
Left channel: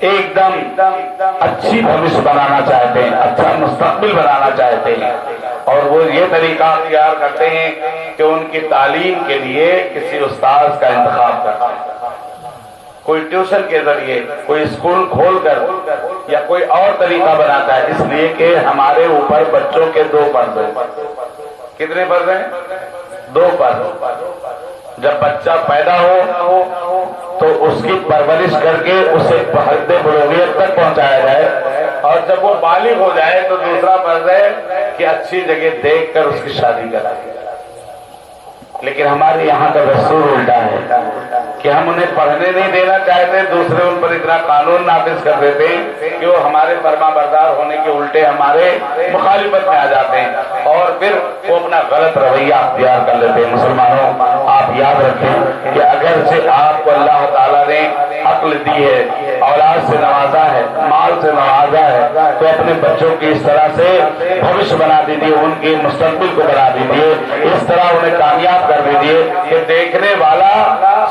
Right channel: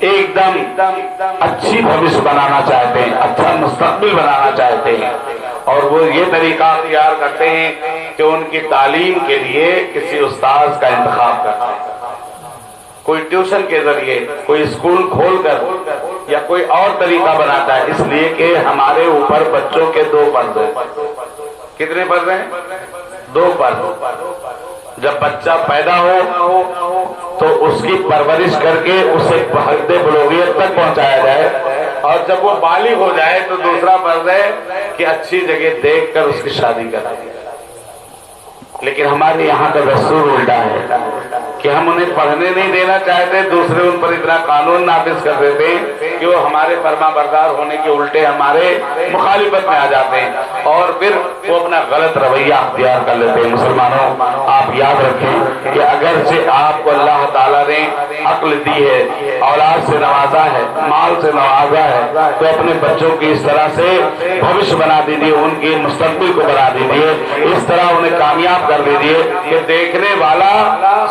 ایک دم اچھی بھوش بنانا چاہتے ہیں، اچھا مستقبل بنانا چاہتے ہیں، اور وہ یہ طریقہ اختیار کرتے ہیں کہ ان کی تعلیم کے لیے کسی استاذ کا انتخاب کرتے ہیں، کوئی ٹیوشن کے ذریعے، کوئی اسکول کھول کر یا کوئی اور طریقہ بناتا ہے، اس لیے کہ ہمارے اوپر بچوں کے 2 فرض ہیں۔ کتنے فرض ہیں؟ 2 فرض۔ جب بچہ پیدا ہو تو اس کی پرورش کر کے اسے حد بلوغیت تک پہنچایا جائے، اور جب وہ بالغ ہو جائے تو دوسرا فرض ہے کہ اچھی جگہ دیکھ کر اس کی شادی کرا دی۔ لیکن ہمارے یہاں کا دستور الٹا ہے کہ ہم انہیں پڑھنے نہیں دینا چاہتے، دوسرے ان پر اتنا قانون نافذ کر دیتے ہیں کہ وہ ہمارے فرما بردار ہونے کے الٹے ہمارے مخالفت میں آ جاتے ہیں، اور پھر وہ اپنا غلط رویہ اختیار کر لیتے ہیں۔ مسلمانوں، آپ یاد رکھیں کہ اگرچہ آپ کو اللہ تعالیٰ نے عقل دی ہے، اولاد سے نوازا ہے، مال سے نوازا ہے، تو اپنے بچوں کی اس طرح سے بھوش بنا دیجیے، ان کے مستقبل کو بنا دیجیے، اس طرح انہیں کامیاب کر دیجیے کہ دیکھنے والا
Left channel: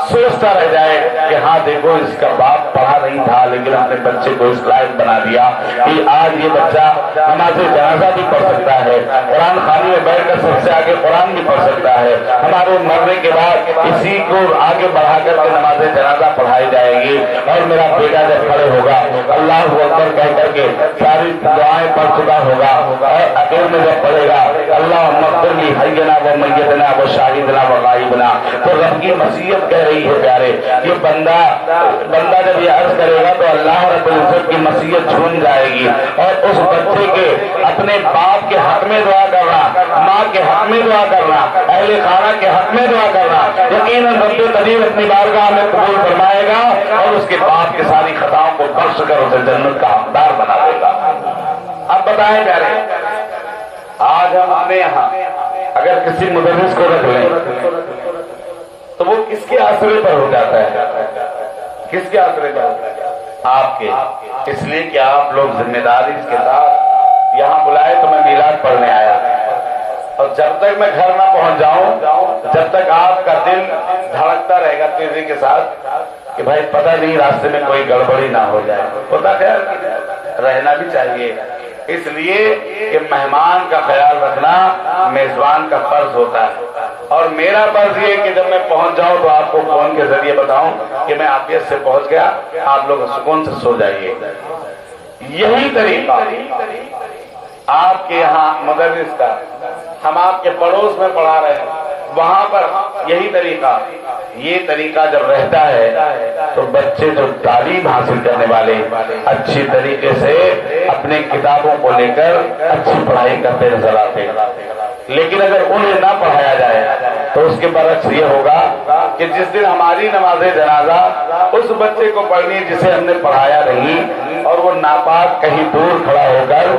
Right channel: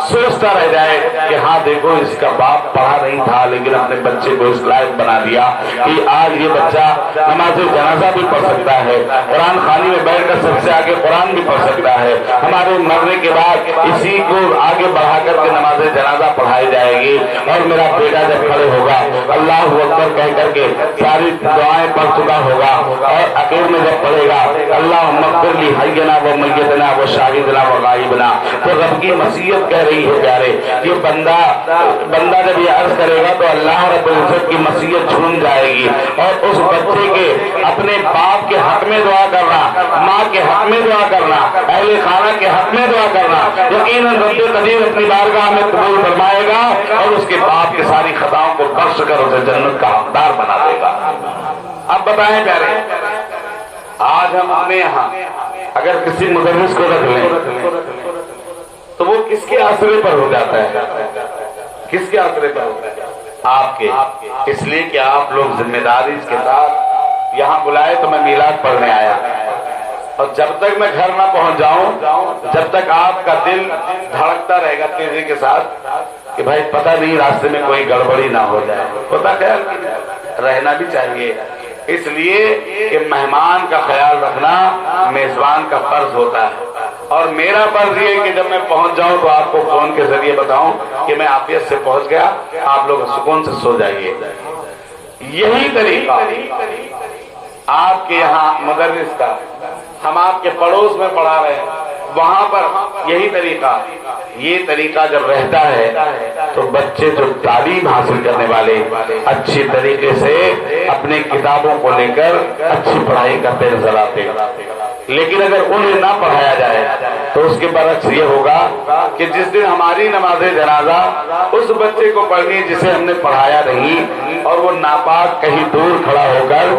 سوچتا رہ جائے کہ ہاں دیکھو اس کا باپ پڑھا نہیں تھا لیکن اپنے بچے کو اس لائق بنا دیا کہ آج یہ بچہ نماز جنازہ بھی پڑھ سکتا ہے، قرآن خوانی میں بیٹھ کر سب سے آگے قرآن بھی پڑھ سکتا ہے، ہمارے مرنے کے بعد اسی کو آگے بڑھا کر کے نماز جنازہ پڑھائی جائے گی، اور میرا بیٹا جب کھڑے ہوگا اللہ اکبر کہہ کر کے ساری دعائیں پڑھ چکا ہوگا، اور اخیر میں جب پڑھے گا اللہ مغفر لی حینا و میتنا و شاہدنا و غائبنا، تو رب کی مسیحت کہہ رہی ہے پیارے، یہ بندہ جب یہ عرض کرے گا تو اللہ رب العزت کی مسیحت جھوم جائے گی، اور اس بچے کے اپنے باپ کے حق میں دعا کرنا، ماں کے حق میں دعا کرنا، اہل خانہ کے حق میں دعا کرنا، یقیناً رب قدیر اپنی بارگاہ میں قبول فرمائے گا، اور اس کے باپ کی ساری خطاؤں کو بخش کر اسے جنت کا حقدار بنا دے گا۔ اب بتائیں پیارے، آج ہم اپنے یہاں اگر کسی مدرس کو رکھ لیں تو وہ کس کے آسرے پر ہو جاتا ہے؟ کس کے آسرے پر ہوتا ہے؟ آپ کے، اس لیے کہ آپ لوگ ذمہ داری کے ساتھ یہاں بلائے تو میں میلاد پڑھنے آیا، اور جب تک میں گھر نہ پہنچ جاؤں، جب تک آپ کا دل دھڑکتا رہے گا تیزی کے ساتھ کہ بھائی پتہ نہیں راستے میں کوئی گڑبڑی نہ ہو جائے، پتہ خیر رہنا بھی چاہیے، اس لیے کہ مہمان کا خیال رکھنا میزبان کا فرض ہوتا ہے، اور میرا فرض یہ کہ جب میں پہنچ جاؤں تو آپ کو فون کے ذریعے بتاؤں کہ میں عافیت سے پہنچ گیا، آپ لوگ سکون سے سو جائیے۔ یہی طریقہ آپ کے یہاں مدرس کا، ہم آپ کے پڑوس میں پڑھا رہے ہیں وہاں پر یہی طریقہ، یہ طریقہ جب رہتا ہے تو بچے جو تعلیم حاصل کرنے والے اچھی طریقے سے اپنے کتابوں کو لے کر اچھی پڑھائی کرتے نظر آتے ہیں، لیکن اگر انہیں نہ پڑھایا جائے تو اس کے برعکس یہ ہوگا کہ جس دن ہماری نماز جنازہ اس بچے کو پڑھنی جسے ہم نے پڑھایا نہیں، اور وہ ناپاک کہیں دور کھڑا ہو کر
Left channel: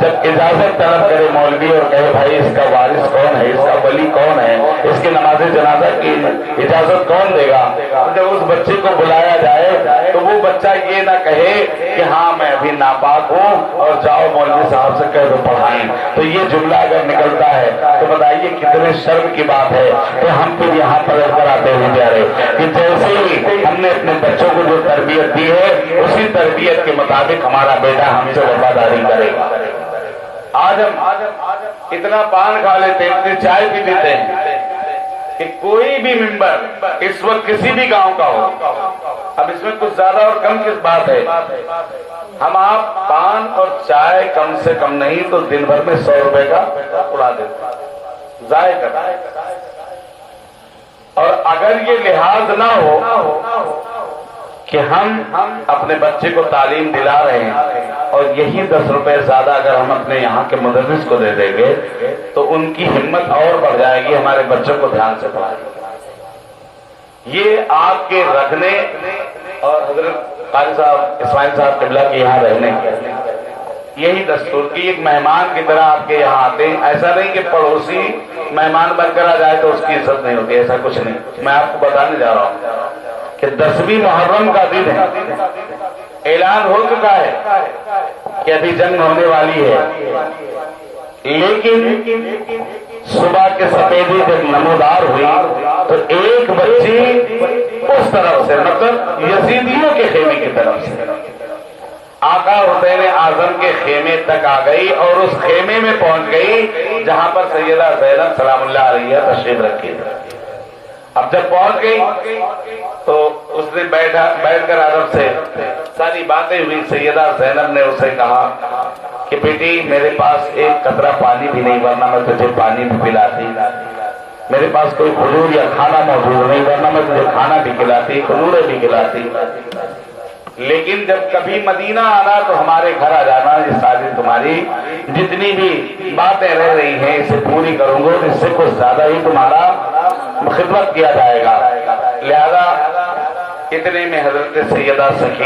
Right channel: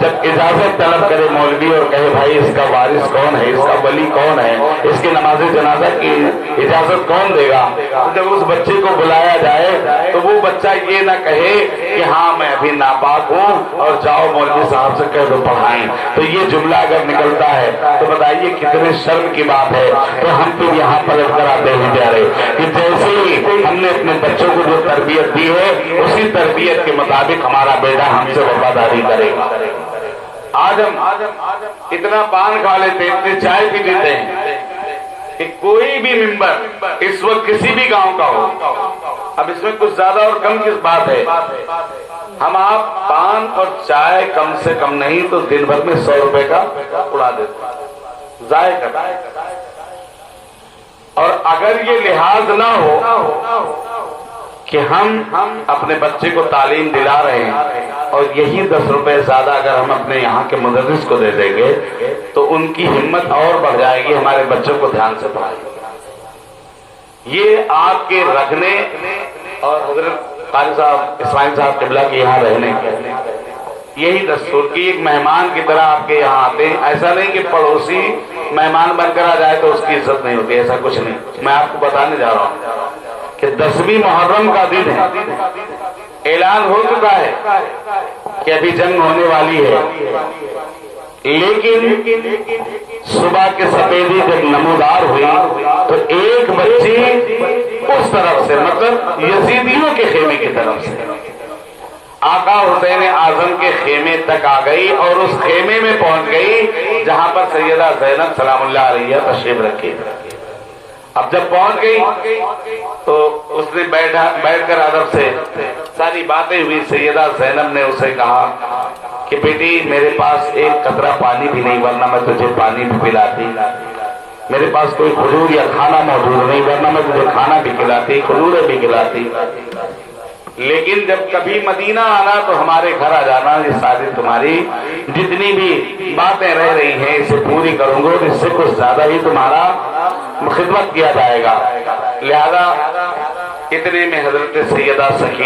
جب اجازت طلب کرے مولوی اور کہے بھائی اس کا وارث کون ہے، اس کا ولی کون ہے، اس کی نماز جنازہ کی اجازت کون دے گا، جب اس بچے کو بلایا جائے تو وہ بچہ یہ نہ کہے کہ ہاں میں ابھی ناپاک ہوں اور جاؤ مولوی صاحب سے کہہ دو پڑھائیں، تو یہ جملہ اگر نکلتا ہے تو بتائیے کتنے شرم کی بات ہے۔ تو ہم پھر یہاں پر کر آتے ہیں پیارے کہ جیسے ہی ہم نے اپنے بچوں کو جو تربیت دی ہے اسی تربیت کے مطابق ہمارا بیٹا ہم سے وفاداری کرے گا۔ آج ہم اتنا پان کھا لیتے ہیں، اتنی چائے پی لیتے ہیں کہ کوئی بھی ممبر اس وقت کسی بھی گاؤں کا ہو، اب اس میں کچھ زیادہ اور کم کس بات ہے، ہم آپ پان اور چائے کم سے کم نہیں تو دن بھر میں 100 روپے کا اڑا دیتے ہیں، ضائع کرتے ہیں، اور اگر یہ لحاظ نہ ہو کہ ہم اپنے بچے کو تعلیم دلا رہے ہیں اور یہی 10 روپے زیادہ اگر ہم اپنے یہاں کے مدرس کو دے دیں گے تو ان کی ہمت اور بڑھ جائے گی ہمارے بچوں کو دھیان سے پڑھانے۔ یہ آپ کے رکھنے اور حضرت قاری صاحب اسماعیل صاحب قبلہ کے یہاں رہنے کی یہی دستور کی ایک مہمان کی طرح آپ کے یہاں آتے ہیں، ایسا نہیں کہ پڑوسی مہمان بن کر آ جائے تو اس کی عزت نہیں ہوتی، ایسا کچھ نہیں۔ میں آپ کو بتانے جا رہا ہوں کہ 10ویں محرم کا دن ہے، اعلان ہو چکا ہے کہ ابھی جنگ ہونے والی ہے، لیکن صبح کے سفیدی جب نمودار ہوئی تو ایک بچی اس طرف سے، مطلب یزیدیوں کے خیمے کی طرف سے آقا حسین اعظم کے خیمے تک آ گئی اور اس خیمے میں پہنچ گئی جہاں پر سیدہ زینب سلام اللہ علیہ تشریف رکھی. اب جب پہنچ گئی تو اس نے بیٹھ کر ادب سے ساری باتیں ہوئی. سیدہ زینب نے اسے کہا کہ بیٹی میرے پاس ایک قطرہ پانی بھی نہیں ورنہ میں تجھے پانی بھی پلاتی. میرے پاس کوئی کھجور یا کھانا موجود نہیں ورنہ میں تجھے کھانا بھی کھلاتی کھجوریں بھی کھلاتی. لیکن جب کبھی مدینہ آنا تو ہمارے گھر آ جانا. یہ ساری تمہاری جتنی بھی باتیں رہ رہی ہیں اسے پوری کروں گا. اس سے کچھ زیادہ ہی تمہارا خدمت کیا جائے گا. لہذا اتنے میں حضرت سیدہ سکینہ